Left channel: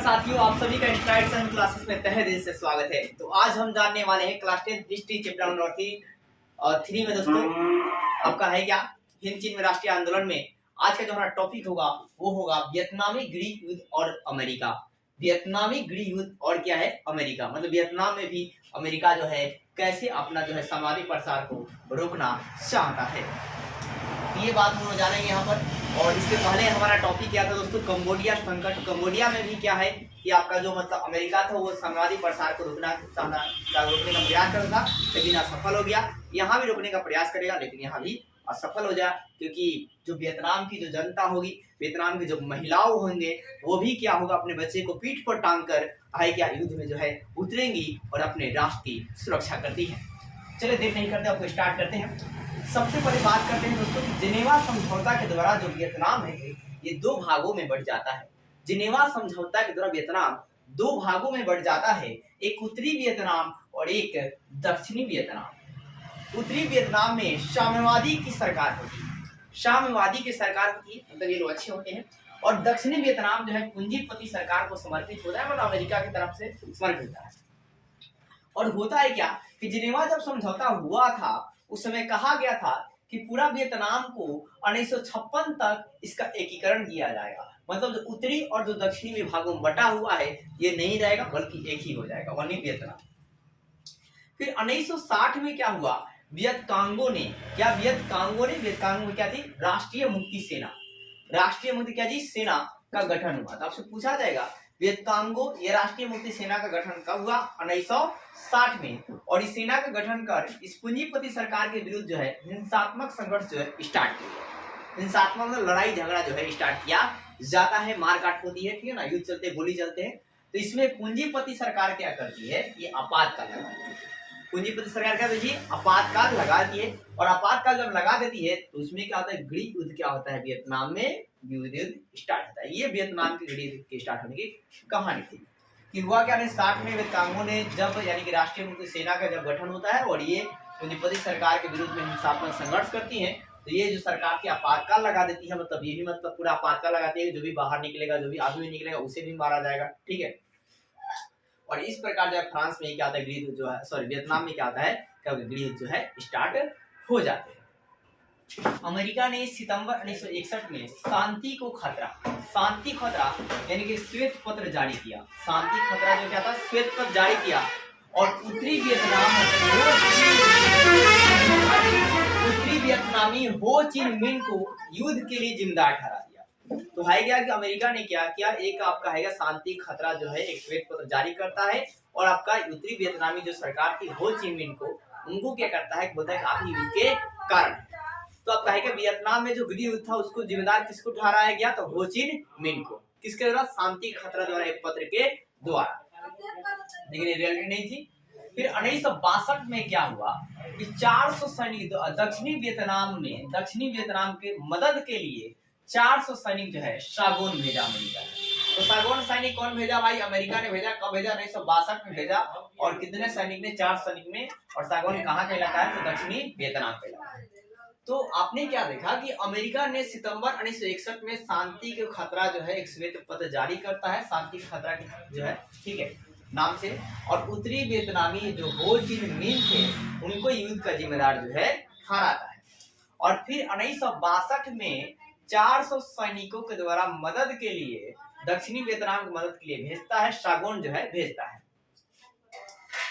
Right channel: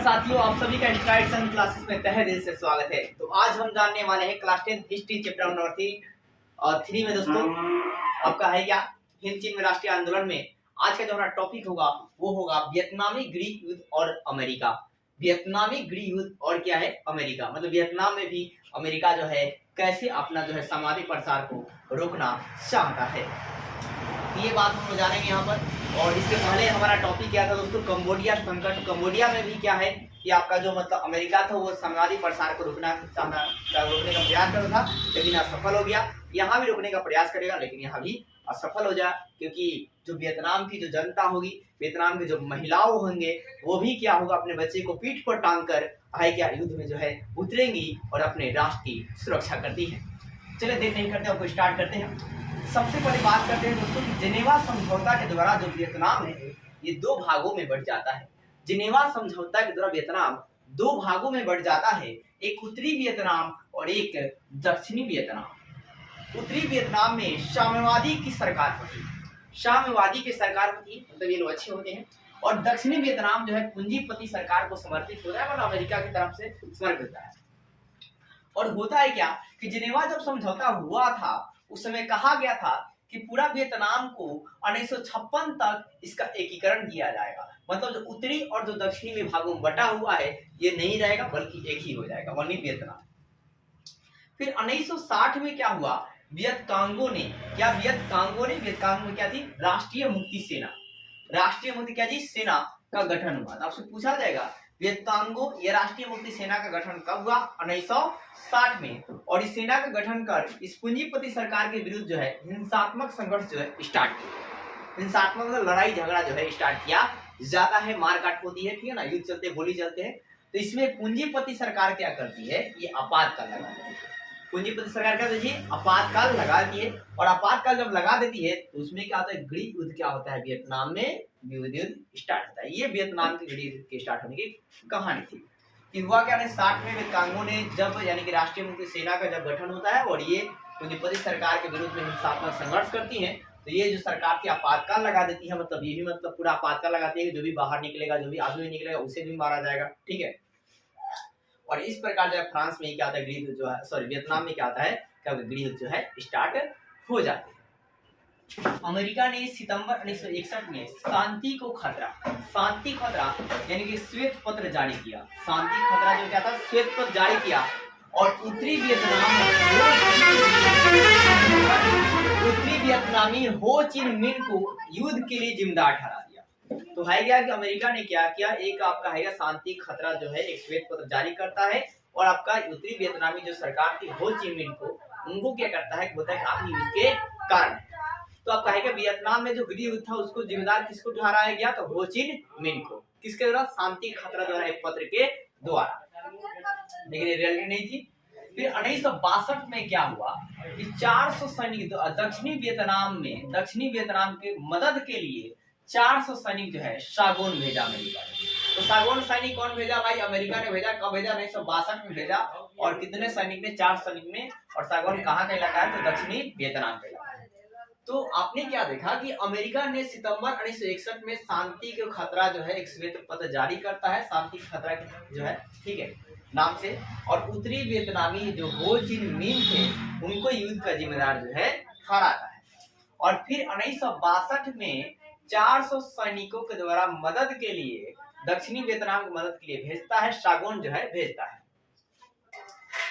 नमस्कार साथियों, आप सभी का स्ट्राइड्स एंड क्लासेस में तहे दिल से स्वागत है। तो आज हम जानने वाले हैं क्लास 10 हिस्ट्री चैप्टर नंबर 3 में दोस्तों आपका है क्या हिंद चीन में राष्ट्रीय आंदोलन में आज का जो हमारा टॉपिक होगा वो होगा वियतनामी गृह युद्ध और अमेरिका। वियतनामी गृह युद्ध और क्या है अमेरिका, मतलब वियतनाम में भी अमेरिका जो है कैसे अपना जो है सामरिक प्रसार को रोकना चाहता है, ये बात हम जानेंगे यहाँ पर। और इसके पहले हमारा टॉपिक क्या था दोस्तों, कंबोडिया संकट। कंबोडिया में भी क्या है कि आपका जो मतलब अमेरिका था वो साम्राज्यवादी प्रसार को रोकने का प्रयास कर रहा था, लेकिन असफल हो गया। यहाँ भी रोकने का प्रयास करेगा लेकिन यहाँ भी असफल हो जाए, क्योंकि जो वियतनाम की जो जनता होगी, वियतनाम की जो महिलाओं होंगे, वो भी क्या होगा अपने बच्चे को पीठ पर टांग कर है क्या युद्ध में जो है उतरेंगी और अपने राष्ट्र की सुरक्षा करती है। चलिए देर नहीं करते, आपको स्टार्ट करते हैं। सबसे पहले बात करते हैं दोस्तों कि जिनेवा समझौता के द्वारा जो वियतनाम है ये दो भागों में बढ़ जाता है। जिनेवा समझौता के द्वारा वियतनाम दो भागों में बढ़ जाता है, एक उत्तरी वियतनाम और एक दक्षिणी वियतनाम। उत्तरी वियतनाम में साम्यवादी की सरकार होती है, साम्यवादी की सरकार होती है, मतलब ये लोग अच्छे होते हैं। और दक्षिणी वियतनाम जो है पूंजीपति सरकार को समर्पित होता है, मतलब अमेरिका की तरफ से समर्पित होता है। और होता है क्या कि जिनेवा जब समझौता हुआ था उस समय कहा गया था कि पूरा वियतनाम को 1956 तक इसका एकीकरण किया जाएगा, मतलब जो उत्तरी और जो दक्षिणी विभागों में बटा हुआ है ये नहीं रहेगा बल्कि एक ही हो जाएगा, वही वियतनाम। फिर 1960 में क्या हुआ, वियतकांगो ने क्या थी, राष्ट्रीय मुक्ति सेना, राष्ट्रीय मुक्ति क्या जी सेना का गठन हुआ। तो आपसे पूछा जाएगा वियतकांगो या राष्ट्रीय मुक्ति सेना का गठन कब हुआ, 1960 में। और इस सेना का गठन कर इस पूंजीपति सरकार के विरुद्ध जो है हिंसात्मक संघर्ष जो है स्टार्ट किया, हिंसात्मक मतलब लड़ाई झगड़ा जो है स्टार्ट किया जाता है, मारकाट होती है, ठीक है ना, युद्ध चलते हैं, गोली चलते हैं। तो इसमें पूंजीपति सरकार क्या करती है, ये आपातकाल लगाती है। पूंजीपति सरकार क्या होती है, आपातकाल लगाती है। और आपातकाल जब लगा देती है तो उसमें क्या होता है, गृह युद्ध क्या होता है, वियतनाम में युद्ध स्टार्ट होता है। ये वियतनाम के गृह युद्ध के स्टार्ट होने की कहानी थी कि हुआ क्या, 60 में वियतकांगो ने जब यानी कि राष्ट्रीय मुक्ति सेना का जब गठन होता है और ये पूंजीपति सरकार के विरुद्ध में हिंसात्मक संघर्ष करती है, तो ये जो सरकार की आपातकाल लगा देती है, मतलब ये भी मतलब पूरा आपातकाल लगाती है कि जो भी बाहर निकलेगा, जो भी आदमी निकलेगा उसे भी मारा जाएगा, ठीक है। और इस प्रकार जो है फ्रांस में क्या होता है, गृह युद्ध जो है, सॉरी वियतनाम में क्या होता है, क्या गृह युद्ध जो है स्टार्ट हो जाते हैं। अमेरिका ने सितंबर 1961 में शांति खतरा यानी कि श्वेत पत्र जारी किया। शांति खतरा जो क्या था, श्वेत पत्र जारी किया और उत्तरी वियतनामी हो चिन मिन को युद्ध के लिए जिम्मेदार ठहरा दिया। तो है क्या कि अमेरिका ने क्या किया, एक आपका है शांति खतरा जो है एक श्वेत पत्र जारी करता है और आपका उत्तरी वियतनामी जो सरकार थी हो चिन मिन को, उनको क्या करता है, बोलता है आप ही युद्ध के कारण। तो आप कहेंगे वियतनाम में जो गृह युद्ध था उसको जिम्मेदार किसको ठहराया गया, तो हो चिन मिन को, किसके द्वारा, शांति खतरा द्वारा, एक पत्र के द्वारा, लेकिन ये रियलिटी नहीं थी। फिर 1962 में क्या हुआ कि 400 सैनिक दक्षिणी वियतनाम के मदद के लिए 400 सैनिक जो है सागोन भेजा अमेरिका ने। तो सागोन सैनिक कौन भेजा भाई, अमेरिका ने भेजा। कब भेजा, 1962 में भेजा। और कितने सैनिक ने, 4 सैनिक में। और सागोन कहाँ का इलाका है, तो दक्षिणी वियतनाम का इलाका है। तो आपने क्या देखा कि अमेरिका ने सितंबर 1961 में शांति के खतरा जो है एक श्वेत पत्र जारी करता है, शांति खतरा जो है, ठीक है, नाम से। और उत्तरी वियतनामी जो हो चिन मिन थे उनको युद्ध का जिम्मेदार जो है ठहराता है। और फिर 1962 में 400 सैनिकों के द्वारा मदद के लिए दक्षिणी वियतनाम की मदद के लिए भेजता है, सागोन जो है भेजता है।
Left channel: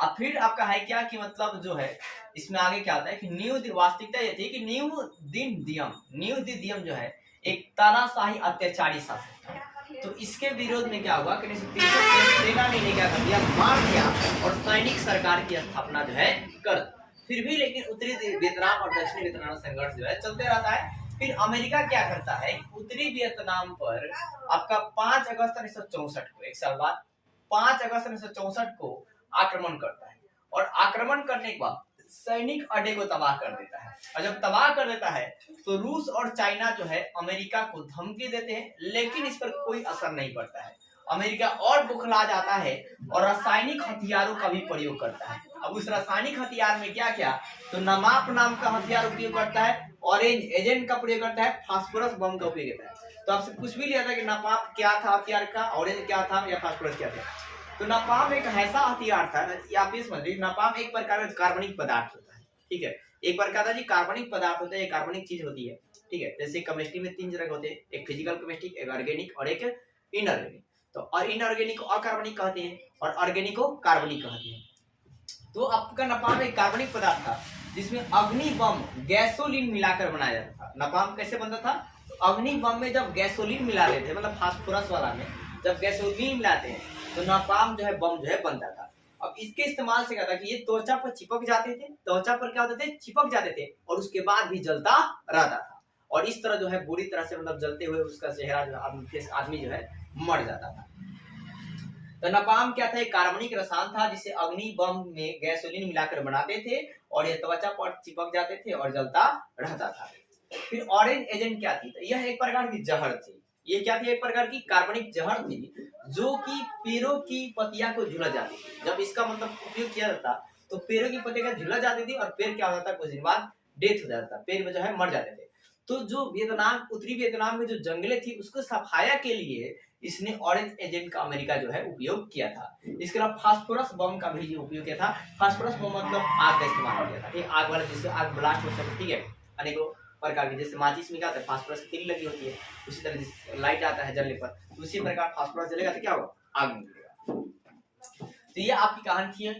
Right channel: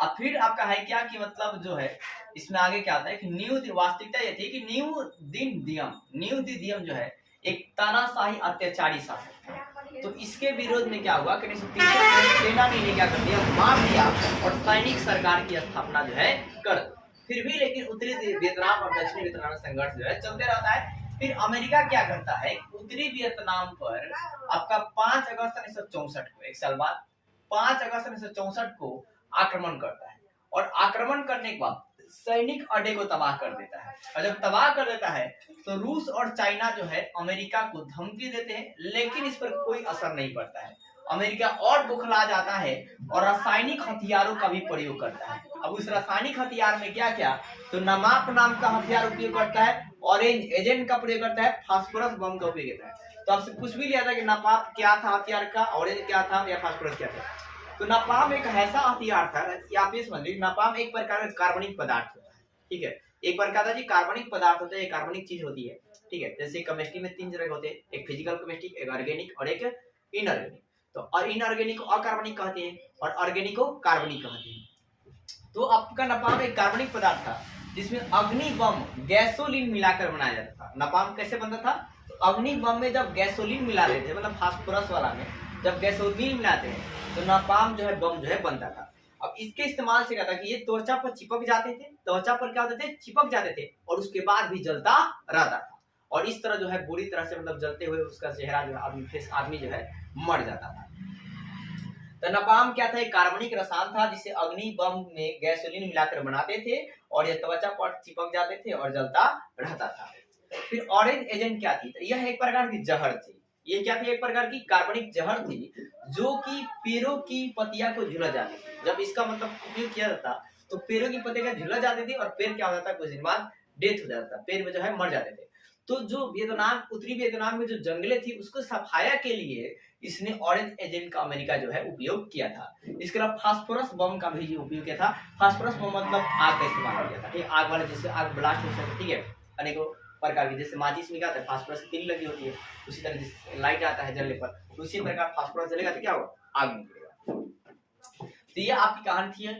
अब फिर आपका है क्या कि मतलब जो है इसमें आगे क्या आता है कि वास्तविकता ये थी कि न्यू दियम जो है एक तानाशाही अत्याचारी शासक था। तो इसके विरोध में क्या हुआ कि 1963 में सेना ने क्या कर दिया, मार दिया और सैनिक सरकार की स्थापना जो है कर। फिर भी लेकिन उत्तरी वियतनाम और दक्षिणी वियतनाम संघर्ष जो है चलते रहता है। फिर अमेरिका क्या करता है, उत्तरी वियतनाम पर आपका 5 अगस्त 1964 को, एक साल बाद 5 अगस्त 1964 को आक्रमण करता है। और आक्रमण करने के बाद सैनिक अड्डे को तबाह कर देता है। और जब तबाह कर देता है तो रूस और चाइना जो है अमेरिका को धमकी देते हैं, लेकिन इस पर कोई असर नहीं पड़ता है। अमेरिका और बुखला जाता है और रासायनिक हथियारों का भी प्रयोग करता है। अब उस रासायनिक हथियार में क्या क्या, तो नमाप नाम का हथियार उपयोग करता है, ऑरेंज एजेंट का प्रयोग करता है, फास्फोरस बम का उपयोग करता है। तो आपसे पूछ भी लिया था कि नापाम क्या था हथियार का, ऑरेंज क्या था या फास्फोरस क्या था। तो नापाम एक ऐसा हथियार था, आप ये समझ लीजिए नापाम एक प्रकार का कार्बनिक पदार्थ होता है, ठीक है, एक प्रकार का जी कार्बनिक पदार्थ होता है, एक कार्बनिक चीज होती है, ठीक है। जैसे केमिस्ट्री में 3 तरह के होते हैं, एक फिजिकल केमिस्ट्री, एक ऑर्गेनिक और एक इनऑर्गेनिक। तो और इनऑर्गेनिक को अकार्बनिक कहते हैं और ऑर्गेनिक को कार्बनिक कहते हैं। तो आपका नापाम एक कार्बनिक पदार्थ था जिसमें अग्नि बम गैसोलीन मिलाकर बनाया जाता था। नापाम कैसे बनता था, तो अग्नि बम में जब गैसोलीन मिला रहे थे, मतलब फास्फोरस वाला में जब गैसोलीन मिलाते हैं तो नापाम जो है बम जो है बनता था। अब इसके इस्तेमाल से क्या था कि ये त्वचा पर चिपक जाते थे, त्वचा पर क्या होते थे, चिपक जाते थे और उसके बाद भी जलता रहता था और इस तरह जो है बुरी तरह से मतलब जलते हुए उसका चेहरा जो आदमी जो है मर जाता था। तो नापाम क्या था, एक कार्बनिक रसायन था जिसे अग्नि बम में गैसोलीन मिलाकर बनाते थे और ये त्वचा पर चिपक जाते थे और जलता रहता था। फिर ऑरेंज एजेंट क्या थी, तो यह एक प्रकार की जहर थी। ये क्या थी, एक प्रकार की कार्बनिक जहर थी जो कि पेड़ों की पत्तियां को झुलस जाती थी। जब इसका मतलब उपयोग किया जाता तो पेड़ों की पत्तियां झुलस जाती थी और पेड़ क्या होता था, कुछ दिन बाद डेथ हो जाता था, पेड़ में जो है मर जाते थे। तो जो वियतनाम, उत्तरी वियतनाम में जो जंगलें थी उसको सफाया के लिए इसने ऑरेंज एजेंट का अमेरिका जो है उपयोग किया था। इसके अलावा फास्फोरस बम का भी उपयोग किया था। फास्फोरस बम मतलब आग का इस्तेमाल किया था, ठीक, आग वाले जिससे आग ब्लास्ट हो सके, ठीक है, अनेकों प्रकार की, जैसे माचिस में क्या होता है फास्फोरस की तिल लगी होती है, उसी तरह जिस लाइट आता है जलने पर तो उसी प्रकार फास्फोरस जलेगा तो क्या होगा, आग निकलेगा। तो ये आपकी कहानी थी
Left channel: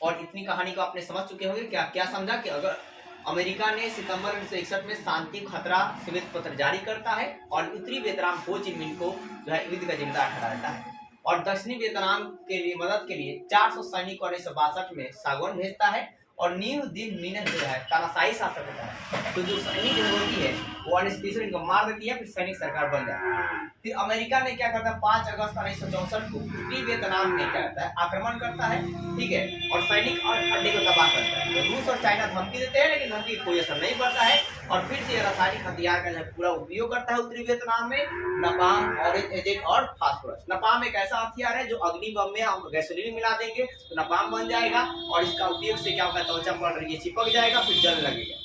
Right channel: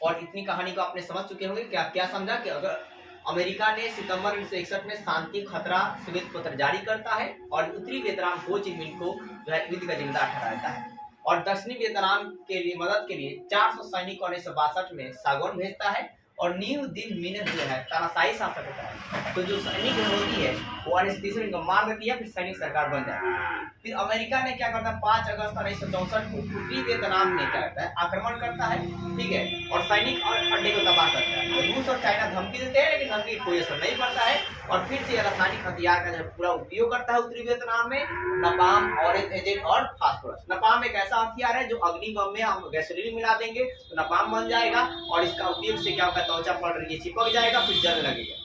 और इतनी कहानी को आपने समझ चुके होंगे कि आप क्या समझा कि अगर अमेरिका ने सितंबर 1961 में शांति खतरा श्वेत पत्र जारी करता है और उत्तरी वियतनाम हो ची मिन को जो है युद्ध का जिम्मेदार ठहराता है और दक्षिणी वियतनाम के लिए मदद के लिए 400 सैनिक 1962 में सागौन भेजता है और न्यू दिन मिनट जो है तानाशाही शासक होता है। तो जो सैनिक होती है वो 1963 को मार देती है, फिर सैनिक सरकार बन जाती है। फिर अमेरिका ने क्या करता है, 5 अगस्त 1964 को उत्तरी वियतनाम में क्या करता है, आक्रमण करता है, ठीक है, और सैनिक और अड्डे को तबाह करता है। रूस और चाइना धमकी देते हैं लेकिन धमकी कोई असर नहीं पड़ता है और फिर से रासायनिक हथियार का पूरा उपयोग करता है उत्तरी वियतनाम में, नापाम, ऑरेंज एजेंट और फास्फोरस। नापाम एक ऐसा हथियार है जो अग्नि बम में हम गैसोलीन मिला देंगे तो नापाम बन जाएगा और इसका उपयोग से क्या होगा, त्वचा पर ये चिपक जाएगा फिर जल लगेगा।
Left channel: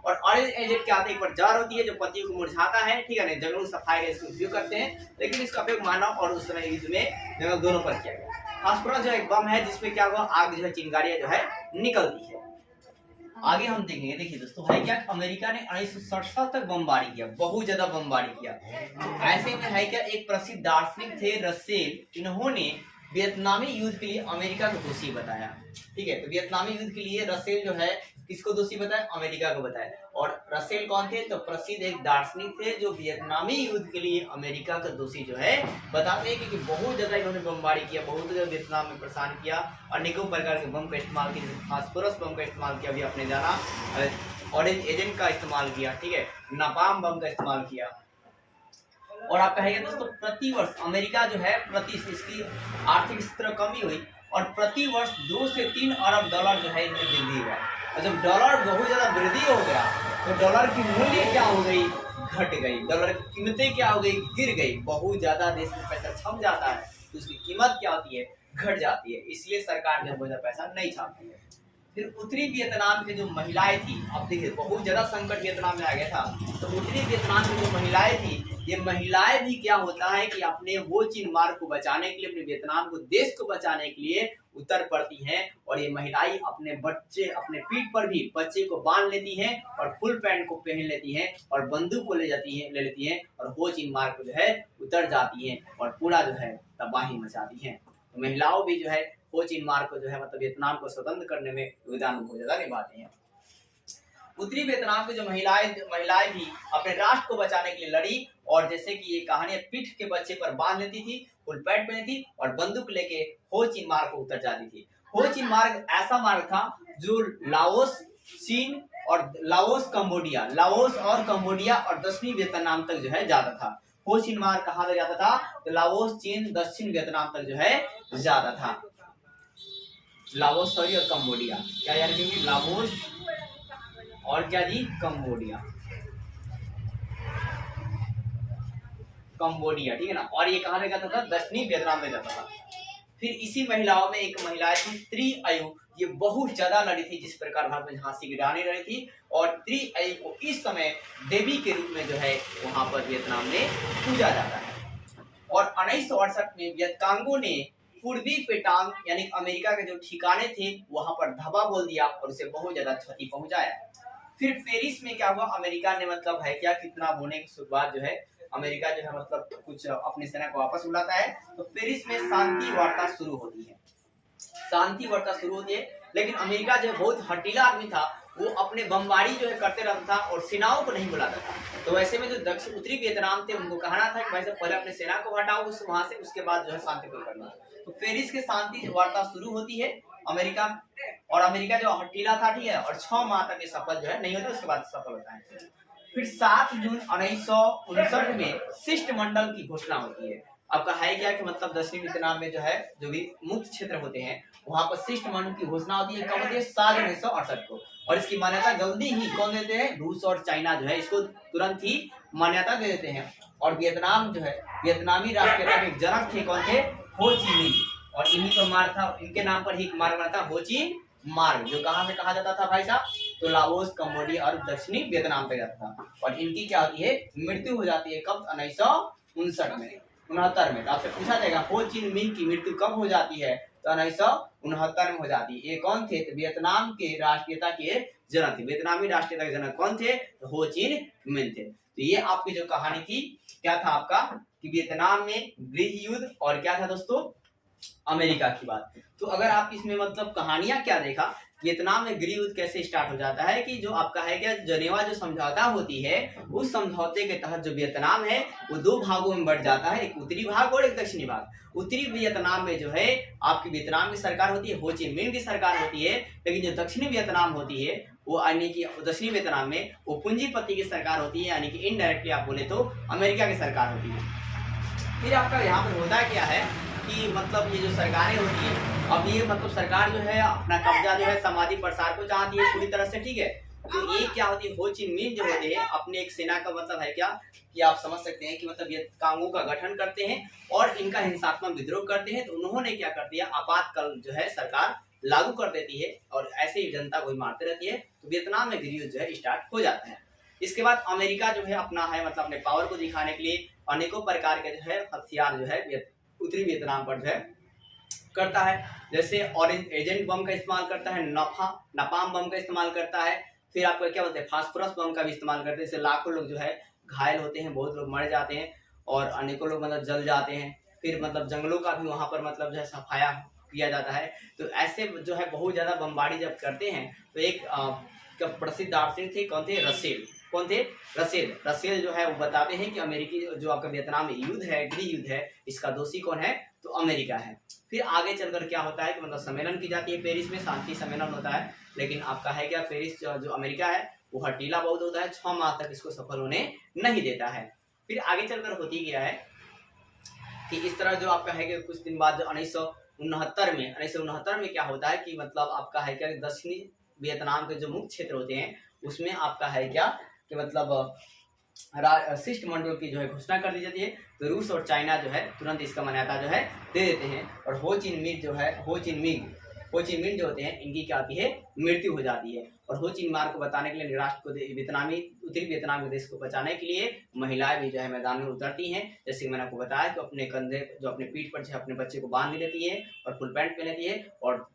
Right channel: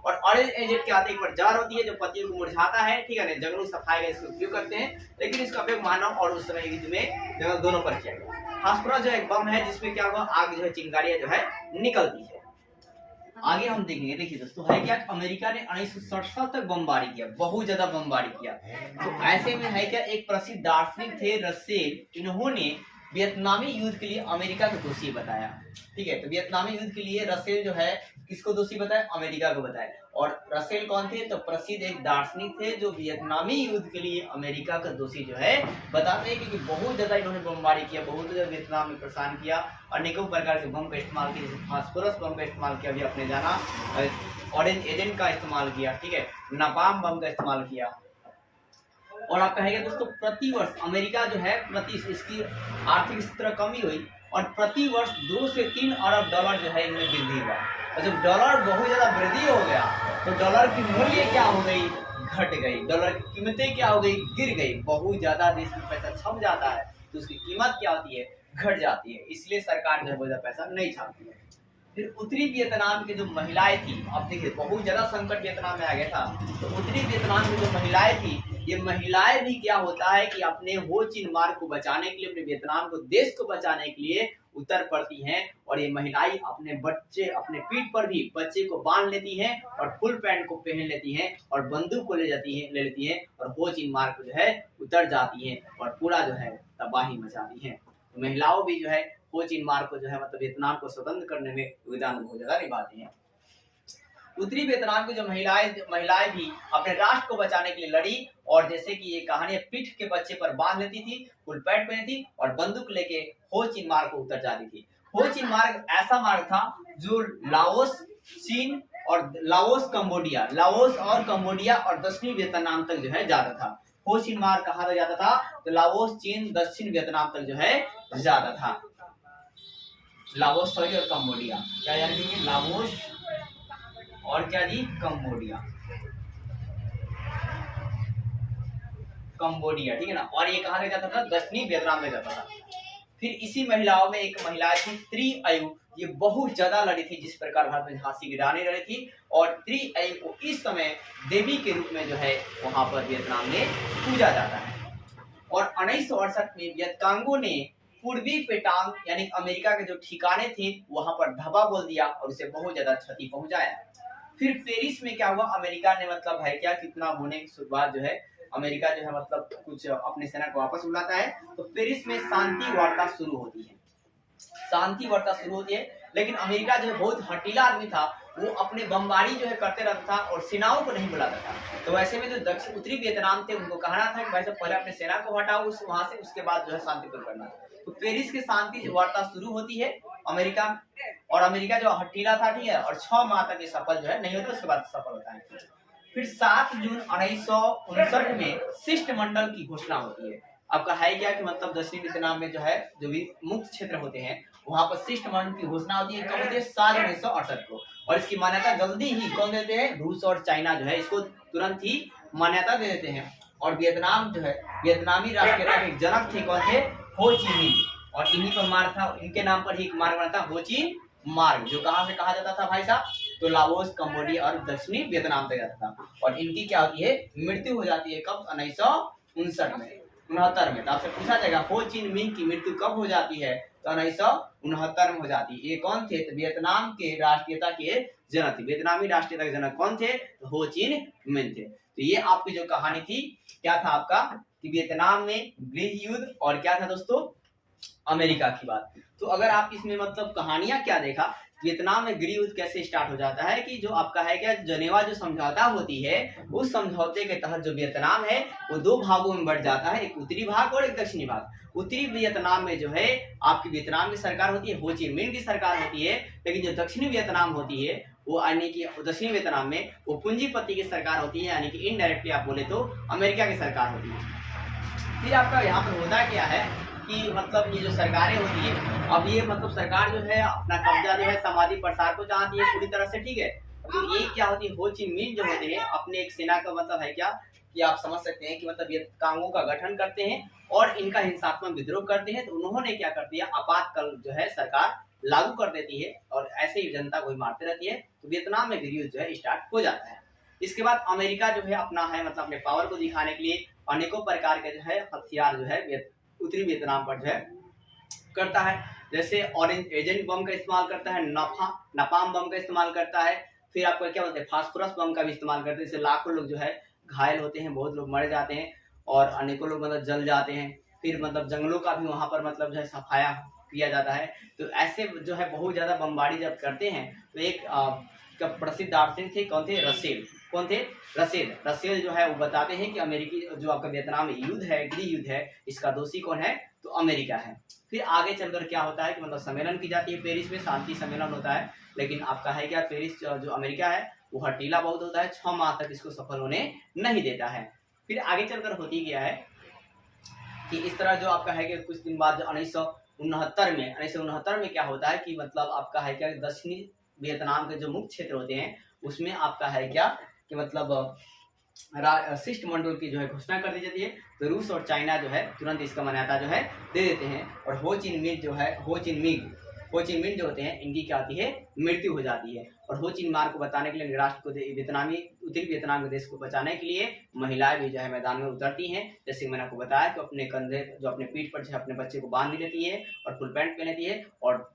और ऑरेंज एजेंट क्या होता है, एक बार जहर होती है जो पत्तियों को मुरझाता है, ठीक है ना, जंगलों सफाई का इसका उपयोग करते हैं लेकिन इसका उपयोग मानव और उस समय युद्ध में जंगल दोनों पर किया गया। फास्फोरस जो एक बम है जिसमें क्या हुआ, आग जो है चिंगारियां जो है निकलती है। आगे हम देखेंगे, देखिए दोस्तों है क्या, अमेरिका ने 1967 तक बमबारी किया, बहुत ज्यादा बमबारी किया। तो ऐसे में है क्या, एक प्रसिद्ध दार्शनिक थे रसेल, इन्होंने वियतनामी युद्ध के लिए अमेरिका को दोषी बताया, ठीक है। तो वियतनामी युद्ध के लिए रसेल जो है किसको दोषी बताया, अमेरिका को बताया। और रसेल कौन थे, तो प्रसिद्ध एक दार्शनिक थे जो वियतनामी युद्ध के लिए अमेरिका का दोषी जो है बताते हैं, क्योंकि बहुत ज्यादा इन्होंने बमबारी किया, बहुत ज्यादा वियतनाम में परेशान किया, अनेकों प्रकार के बम का इस्तेमाल किया, फास्फोरस बम का इस्तेमाल किया, अभी आपने जाना ऑरेंज एजेंट का इस्तेमाल किया, ठीक है, नापाम बम का इस्तेमाल किया। और आप कहेंगे दोस्तों प्रतिवर्ष अमेरिका जो है इसकी आर्थिक स्थिति कमी हुई और प्रतिवर्ष 2 से 3 अरब डॉलर जो है इनमें वृद्धि हुआ। और जब डॉलर बहुत ज्यादा वृद्धि हो गया तो डॉलर की मूल्य क्या हो गई, घट गई, डॉलर की कीमतें क्या हो गई, गिर गई। बहुत ज्यादा देश में पैसा छप जाता है तो उसकी कीमत क्या होती है, घट जाती है, इसलिए सरकार जो है बहुत ज्यादा पैसा नहीं छापती है। फिर उत्तरी वियतनाम की जो महिलाएं थी, अब देखिए बहुत ज्यादा संकट वियतनाम में आ गया था, तो उत्तरी वियतनाम की जो महिलाएं थी, ये महिलाएं भी क्या होता है कि अपने हो चीन मार्ग को बचाने के लिए, अपने वियतनाम को देश को बचाने के लिए उतर पड़ती हैं और ये महिलाएं अपने बच्चे, अपने पीठ पर भी बच्चे को बांध लेती हैं और फुल पैंट को पहन लेती हैं और बंदूक को ले लेती हैं और हो चीन मार्ग को जो है उतर जाती हैं और पूरा जो है तबाही मचाती हैं। तो महिलाओं भी जो है हो चीन मार्ग को जो है मतलब वियतनाम को स्वतंत्र करने में योगदान बहुत ज्यादा निभाती हैं। उत्तरी वियतनाम की जो महिलाएं भी अपने राष्ट्र को बचाने के लिए लड़ी और जैसे कि ये कहानी पीठ के बच्चे पर बांध लेती थी, फुल पैंट पहनी थी और बंदूक लेके हो चीन मार्ग को उतर जाती थी। हो चीन मार्ग ऐसा मार्ग था जो लाओस, चीन और लाओस और कंबोडिया और दक्षिणी वियतनाम तक जो है जाता था। हो चीन मार्ग कहाँ तक जाता था, तो लाओस, चीन, दक्षिण वियतनाम तक जो है जाता था। लाओस और कंबोडिया, क्या याद रखेंगे, लाओस और क्या जी, कंबोडिया, ठीक है ना। और ये कहाँ तक जाता था, दक्षिणी वियतनाम में जाता था। फिर इसी महिलाओं में एक महिला थी त्रिअयु, ये बहुत ज्यादा लड़ी थी, जिस प्रकार भारत में झांसी की रानी लड़ी थी। और त्रिअयु को इस समय देवी के रूप में जो है वहां पर वियतनाम में पूजा जाता है। और 1968 में वियतकांगों ने पूर्वी पेटांग यानी अमेरिका के जो ठिकाने थे वहां पर धब्बा बोल दिया और उसे बहुत ज्यादा क्षति पहुंचाया। फिर पेरिस में क्या हुआ, अमेरिका ने मतलब है क्या कितना बोलने की शुरुआत जो है अमेरिका जो है मतलब कुछ अपने सेना को वापस बुलाता है। तो पेरिस में शांति वार्ता शुरू होती है, शांति वार्ता शुरू होती है। लेकिन अमेरिका जो है बहुत हटीला आदमी था, वो अपने बमबारी जो है करते रहता था और सेनाओं को नहीं बुलाता था। तो ऐसे में जो दक्षिण उत्तरी वियतनाम थे उनको कहना था कि भाई साहब पहले अपने सेना को हटाओ उस वहां से, उसके बाद जो है शांति को करना। तो पेरिस की शांति वार्ता शुरू होती है अमेरिका, और अमेरिका जो हटीला था, ठीक है, और 6 माह तक ये सफल जो है नहीं होता, उसके बाद सफल होता है। फिर 7 जून 1959 में शिष्टमंडल की घोषणा होती है। आपका है क्या कि मतलब दक्षिणी वियतनाम में जो है जो भी मुक्त क्षेत्र होते हैं वहां पर शिष्टमंडल की घोषणा होती है। कब होती है? 7 जून 1968 को। और इसकी मान्यता जल्दी ही कौन देते हैं? रूस और चाइना जो है इसको तुरंत ही मान्यता दे देते हैं। और वियतनाम जो है वियतनामी राष्ट्रीयता के जनक थे कौन थे? हो ची मिन्ह। और इन्हीं पर मार्ग था, इनके नाम पर ही एक मार्ग बना था हो ची मार्ग, जो कहां से कहा जाता था भाई साहब? तो लाओस, कंबोडिया और दक्षिणी वियतनाम पे जाता था। और इनकी क्या होती है? मृत्यु हो जाती है कब? 1959 में, 69 में। तो आपसे पूछा जाएगा हो ची मिन्ह की मृत्यु कब हो जाती है? तो 1969 में हो जाती है। ये कौन थे? तो वियतनाम के राष्ट्रीयता के जनक थे। वियतनामी राष्ट्रीयता के जनक कौन थे? तो हो ची मिन्ह थे। तो ये आपकी जो कहानी थी क्या था आपका कि वियतनाम में गृह युद्ध और क्या था दोस्तों? अमेरिका की बात। तो अगर आप इसमें मतलब कहानियां क्या देखा, वियतनाम में गृह युद्ध कैसे स्टार्ट हो जाता है कि जो आपका है क्या जनेवा जो समझौता होती है, उस समझौते के तहत जो वियतनाम है वो 2 भागों में बढ़ जाता है, एक उत्तरी भाग और एक दक्षिणी भाग। उत्तरी वियतनाम में जो है आपकी वियतनाम की सरकार होती है, हो ची मिन्ह की सरकार होती है। लेकिन जो दक्षिणी वियतनाम होती है वो यानी कि दक्षिणी वियतनाम में वो पूंजीपति की सरकार होती है, यानी कि इनडायरेक्टली आप बोले तो अमेरिका की सरकार होती है। फिर आपका यहाँ पर होता क्या है कि मतलब ये जो सरकारें होती है, अब ये मतलब सरकार जो है अपना कब्जा जो है समाधि प्रसार को चाहती है पूरी तरह से, ठीक है। तो ये क्या होती है? हो ची मिन्ह जो होते हैं अपने एक सेना का मतलब है क्या कि आप समझ सकते हैं कि मतलब ये कांगो का गठन करते हैं और इनका हिंसात्मक विद्रोह करते हैं। तो उन्होंने क्या कर दिया? आपातकाल जो है सरकार लागू कर देती है और ऐसे ही जनता को ही मारते रहती है। तो वियतनाम में गृह युद्ध जो है स्टार्ट हो जाता है। इसके बाद अमेरिका जो है अपना है मतलब अपने पावर को दिखाने के लिए अनेकों प्रकार के जो है हथियार जो है उत्तरी वियतनाम पर जो है करता है। जैसे ऑरेंज एजेंट बम का इस्तेमाल करता है, नापाम बम का इस्तेमाल करता है। फिर आपको क्या बोलते हैं? फास्फोरस बम का भी इस्तेमाल करते हैं। इससे लाखों लोग जो है घायल होते हैं, बहुत लोग मर जाते हैं और अनेकों लोग मतलब जल जाते हैं। फिर मतलब जंगलों का भी वहां पर मतलब जो है सफाया किया जाता है। तो ऐसे जो है बहुत ज्यादा बमबारी जब करते हैं तो एक प्रसिद्ध दार्शनिक थे, कौन थे? रसेल। कौन थे? रसेल। रसेल जो है वो बताते हैं कि अमेरिकी जो आपका वियतनाम में युद्ध है, गृह युद्ध है, इसका दोषी कौन है? तो अमेरिका है। फिर आगे चलकर क्या होता है कि मतलब सम्मेलन की जाती है पेरिस में, शांति सम्मेलन होता है। लेकिन आपका है क्या पेरिस जो अमेरिका है वो हटीला बहुत होता है, 6 माह तक इसको सफल होने नहीं देता है। फिर आगे चलकर होती क्या है कि इस तरह जो आपका है कि कुछ दिन बाद 1969 में क्या होता है कि मतलब आपका है क्या दक्षिणी वियतनाम के जो मुख्य क्षेत्र होते हैं उसमें आपका है क्या कि मतलब शिष्टमंडल की जो है घोषणा कर दी जाती है। तो रूस और चाइना जो है तुरंत इसका मान्यता जो है दे देते हैं। और हो ची मिन्ह जो होते हैं इनकी क्या होती है? मृत्यु हो जाती है। और हो ची मिन्ह को बताने के लिए राष्ट्र को उत्तरी वियतनाम के देश को बचाने के लिए महिलाएं भी जो है मैदान में उतरती हैं। जैसे मैंने आपको बताया कि अपने कंधे जो अपने पीठ पर जो है अपने बच्चे को बांध लेती है और फुल पैंट पहन लेती है और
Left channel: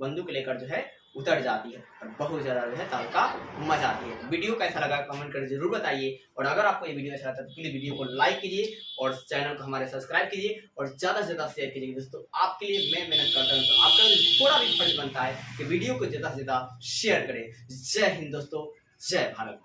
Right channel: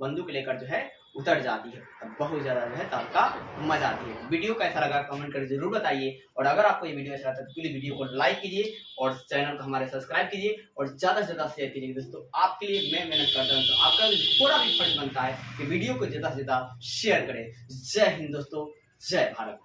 बंदूक लेकर जो है उतर जाती है। बहुत ज्यादा जो है तड़का मजा आती है। वीडियो कैसा लगा कमेंट कर जरूर बताइए। और अगर आपको ये वीडियो अच्छा लगता है तो प्लीज वीडियो को लाइक कीजिए और चैनल को हमारे सब्सक्राइब कीजिए और ज्यादा से ज्यादा शेयर कीजिए। दोस्तों आपके लिए मैं मेहनत करता हूँ तो आपका थोड़ा भी फर्ज बनता है कि वीडियो को ज्यादा से ज्यादा शेयर करें। जय हिंद दोस्तों, जय भारत।